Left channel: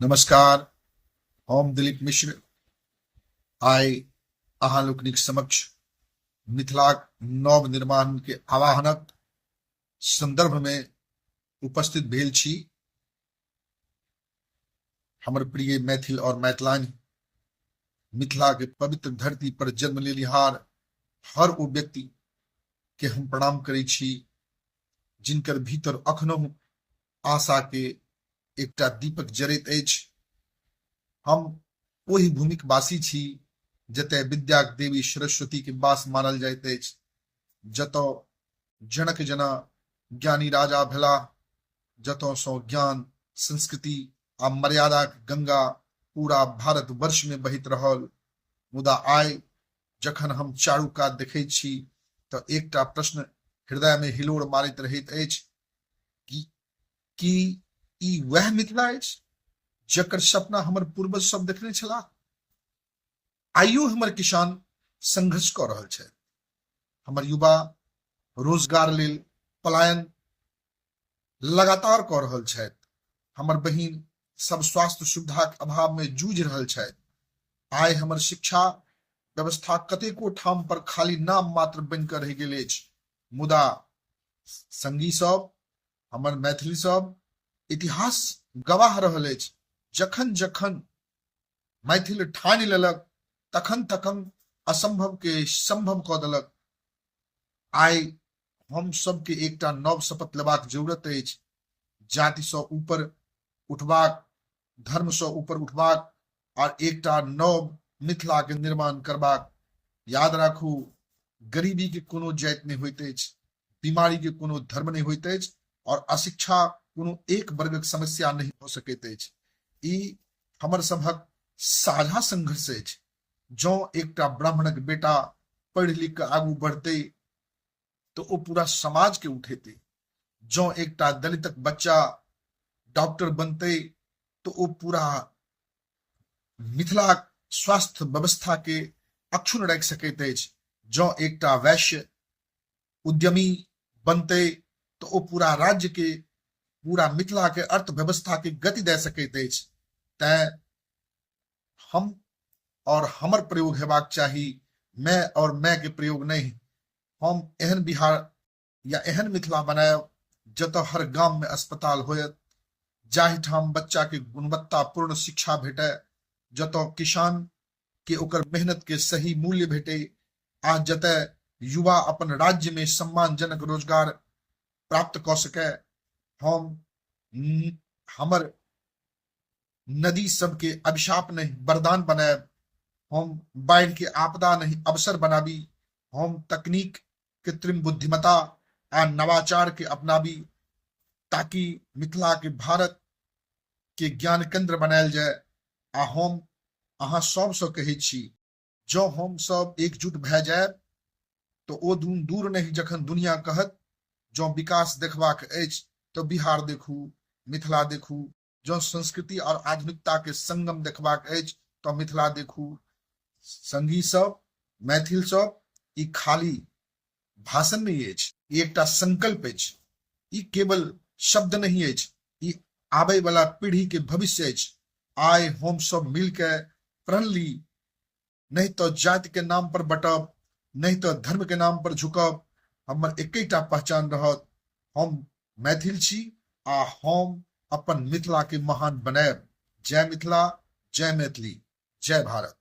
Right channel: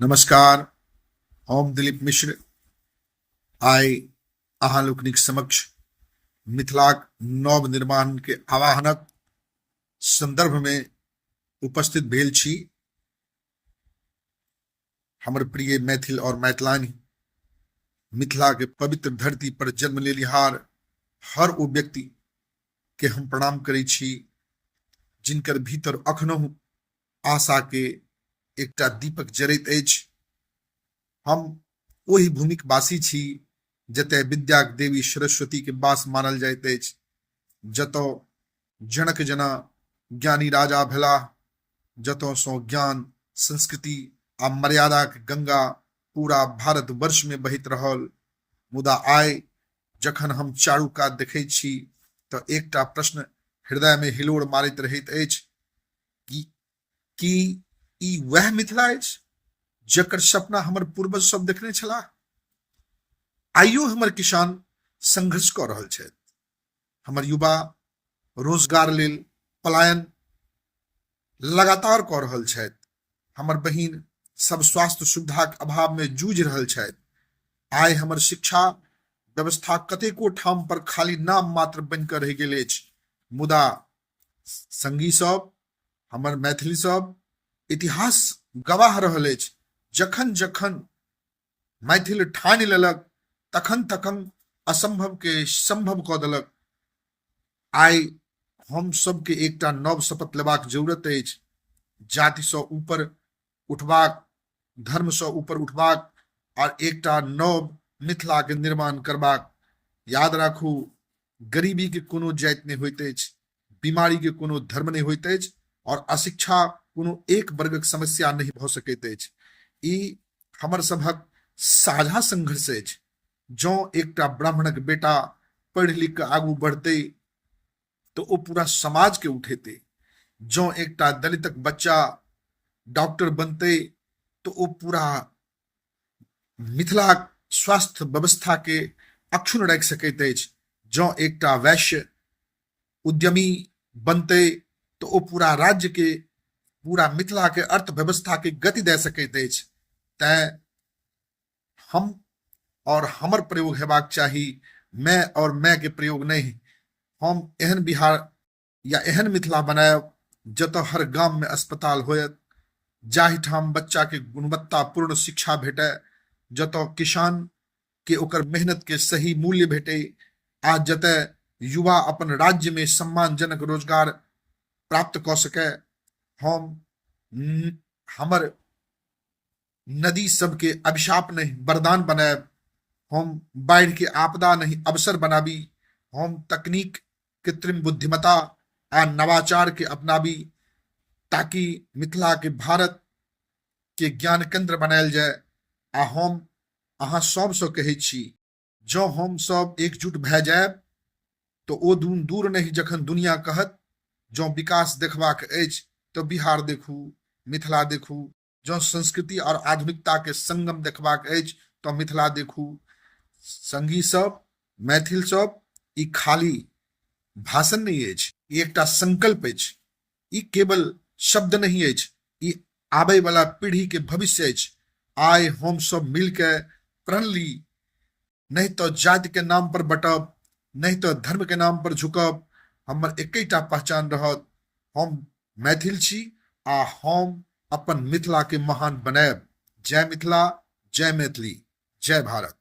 नमस्कार। हम दिलीप मिश्र आइ अहाँ लोकनिक समक्ष मिथिलाक नव निर्माण के आवाहनक संदर्भ में उपस्थित भेल छी। हमर प्रिय मैथिल और मैथिलानी मिथिला के पवित्र धरती पर जन्म लेनिहार हर ओ व्यक्ति के हम प्रणाम करै छी जिनकर भीतर अखनहु आशा के एकटा दीपक जरैत अछि। हम ओहि भूमिक वासी छी जतय विद्याक देवी सरस्वती के वास मानल जाइत अछि, जतऽ जनक जना ज्ञानी राजा भेलाह, जतऽ सँ ज्ञान, संस्कृति आ मर्यादा के गंगा पूरा भारत वर्ष में बहैत रहल। मुदा आइ जखन हम चारू कात देखैत छी तऽ एकटा प्रश्न हृदय में हिलोड़ मारैत रहैत अछि कि ई वह मिथिला अछि जकर सपना हमर पूर्वज सब देखने छलाह। आइयो हमर किसान संघर्ष कऽ रहल छथि, हमर युवा रोजगार लेल पलायन लगातार कऽ रहल छथि, हमर बहिन सब स्वास्थ्य सुविधाक अभाव में जूझि रहल छथि। आइ हमर शिक्षा व्यवस्था कतेको ठाम पर खाली नाम मात्र बनि कऽ रहि गेल अछि। मुदा संगी सब, हमर मैथिली सब, इतिहास गवाह रहल अछि, जखन जखन मैथिल ठानि लेलक तखन तखन असंभव के संभव कऽ देलक। आइ हम सबके एकटा नव शपथ लेबाक जरूरत अछि, जाति सँ ऊपर उठबाक, धर्म सँ ऊपर उठबाक और एकटा नव मिथिला के निर्माण करबाक। याद राखू, गरीबी के कोनो जाति नहीं होइत अछि, बीमारी के कोनो धर्म नहीं होइत अछि और अशिक्षा कोनो एक वर्गक समस्या नहीं भऽ सकैत अछि। ई हमर सभक साझा संघर्ष अछि। जँ एकटा ब्राह्मणक बेटा पढ़ि लिख कऽ आगू बढ़तै तो ओ पूरा समाज के उठेतै। जँ एकटा दलितक बच्चा डॉक्टर बनतै तो ओ पूरा मिथिला स्वास्थ्य व्यवस्था के अक्षुण्ण राखि सकैत अछि। जँ एकटा वैश्य उद्यमी बनतै तो ओ पूरा राज्य के, पूरा मिथिला के अर्थव्यवस्था के गति दे सकैत अछि। तैं हम और हमर प्रयोग हेबाक चाही, मैं और मैं के प्रयोग नहीं। हम एहन बिहार या एहन मिथिला बनायब जतऽ हर गाम में अस्पताल होयत, जाहि ठाम बच्चा के गुणवत्तापूर्ण शिक्षा भेटै, जतऽ किसान के ओकर मेहनत के सही मूल्य भेटै, आ जतऽ युवा अपन राज्य में सम्मानजनक रोजगार प्राप्त कऽ सकै। हम हमर नदी सबके अभिशाप नहीं वरदान बनायब। हम बाढ़ि के आपदा नहीं अवसर बनाबी। हम तकनीक, कृत्रिम बुद्धिमत्ता आ नवाचार के अपनाबी, ताकि मिथिला के भारत के ज्ञान केंद्र बनायल जाय। आ हम अहाँ सब सँ कहै छी, जँ हम सब एकजुट भए जायब तो ओ दिन दूर नहीं जखन दुनिया कहत जँ विकास देखबाक अछि तो बिहार देखू, मिथिला देखू। जँ संस्कृति और आधुनिकता के संगम देखबाक अछि तो मिथिला देखू। संगी सब, मैथिल सब, ई खाली भाषण नहीं अछि, ई एकटा संकल्प अछि। ई केवल शब्द नहीं अछि, ई आबै वाला पीढ़ी के भविष्य अछि। आइ हम सब मिलके प्रण ली, नहीं तो जाति के नाम पर बटब, नहीं तो धर्म के नाम पर झुकब। हमर एकैटा पहचान रहत, हम मैथिल छी आ हम अपन मिथिला के महान बनायब। जय मिथिला, जय मैथिली, जय भारत।